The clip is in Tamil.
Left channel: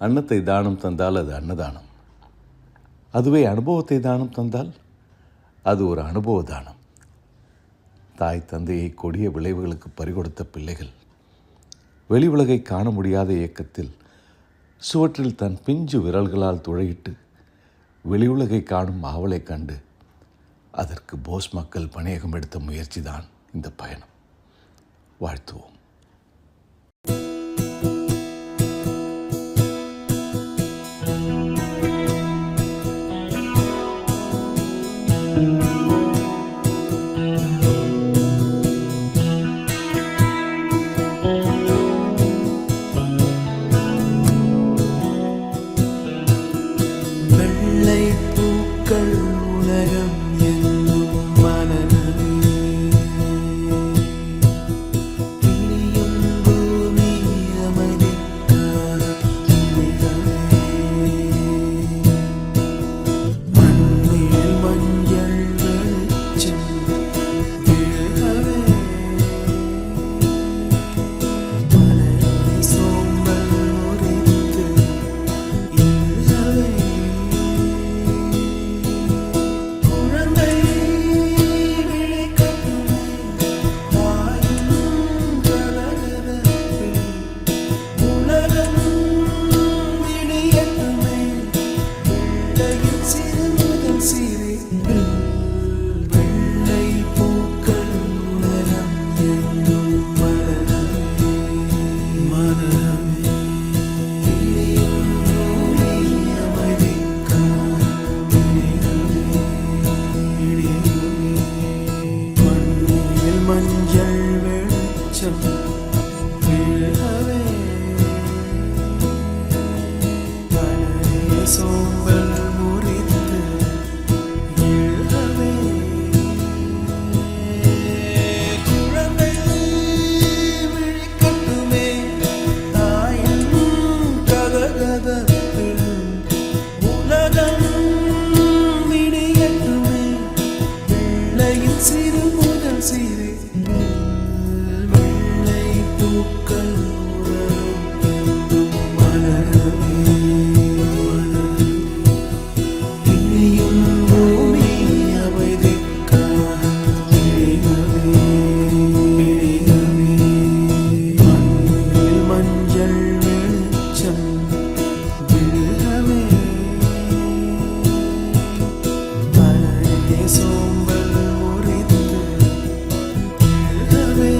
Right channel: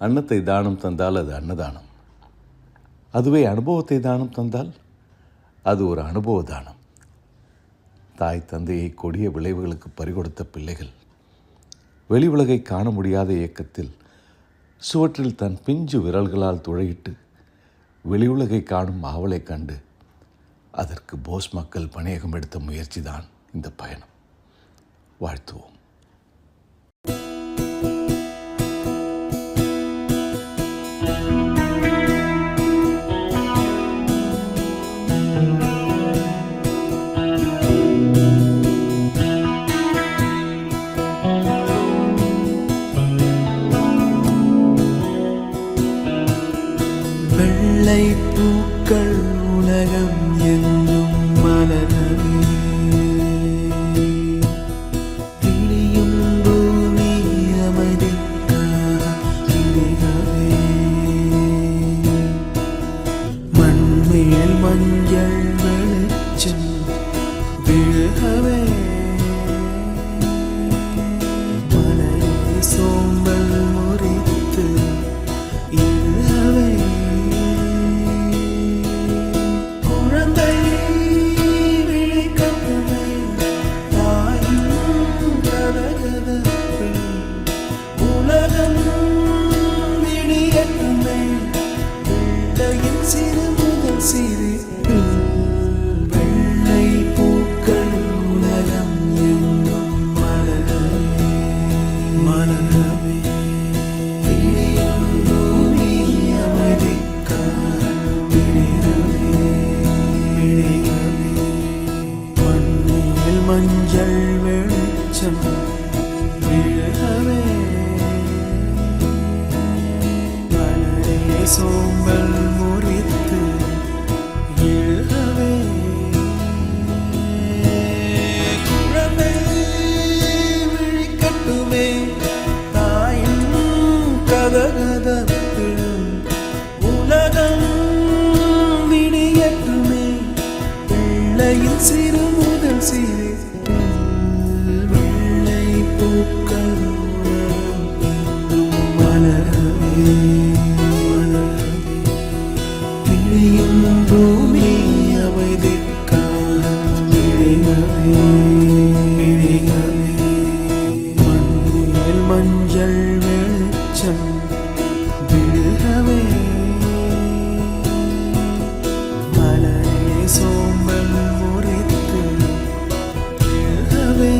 அன்னத்தை தானம் தந்தால் அது அன்னதானம். அதுவே அனுபவத்தை தானம் தந்தால் அது ஒரு அனுபவ தானம். தாய் தந்தையை கொடிய விளைவுகளுக்கு பறிகொடுத்த பிள்ளைகள் வெளி உலகை காண முடியாத இயக்கத்தில் சுவற்றில் தன் பிஞ்சு விரல்களால் துளையிட்டு வெளி உலகை காணும் ஆவலை கண்டு அதற்கு போஸ் மக்கள் பணியகம் எடுத்த முயற்சி தான் இந்த பயணம். வாழ்த்துவோம். வெள்ளை பூக்கள் உலகம் எங்கும் மலரவே, விழியும் பூமி அமைதிக்காக விழிகவே, மண்மேல் மஞ்சள் வெளிச்சம் விழவே, மலரே சோம்பல் முறித்து இழவே, குழந்தை விழி கட்டுமே தாயின் கடகதப்பில், உலகம் விழியட்டுமே பிள்ளையின் சிறு முதல் சிரிப்பு. வெள்ளை பூக்கள் உலகம் எங்கும் மலரவே, மலரவே, பூமி அமைதிக்காக விழிரவே, மண்ணில் மஞ்சள் வெளிச்சம் விழவே, மலரே சோம்பல் முறித்து எழுகவே, குழந்தை விழிக்கட்டுமே தாயின் கதகதப்பில், உலகம் விடியட்டுமே பிள்ளையின் சிறு முதல் சிரிப்பு. வெள்ளை பூக்கள் உலகம் எங்கும் மலரவே, மலரவே, பிணியும் பூமி அமைதிக்காக விழிகவே, மண்ணில் மஞ்சள் வெளிச்சம் விழவே, மலரே சோம்பல் முறித்து எழுகவே.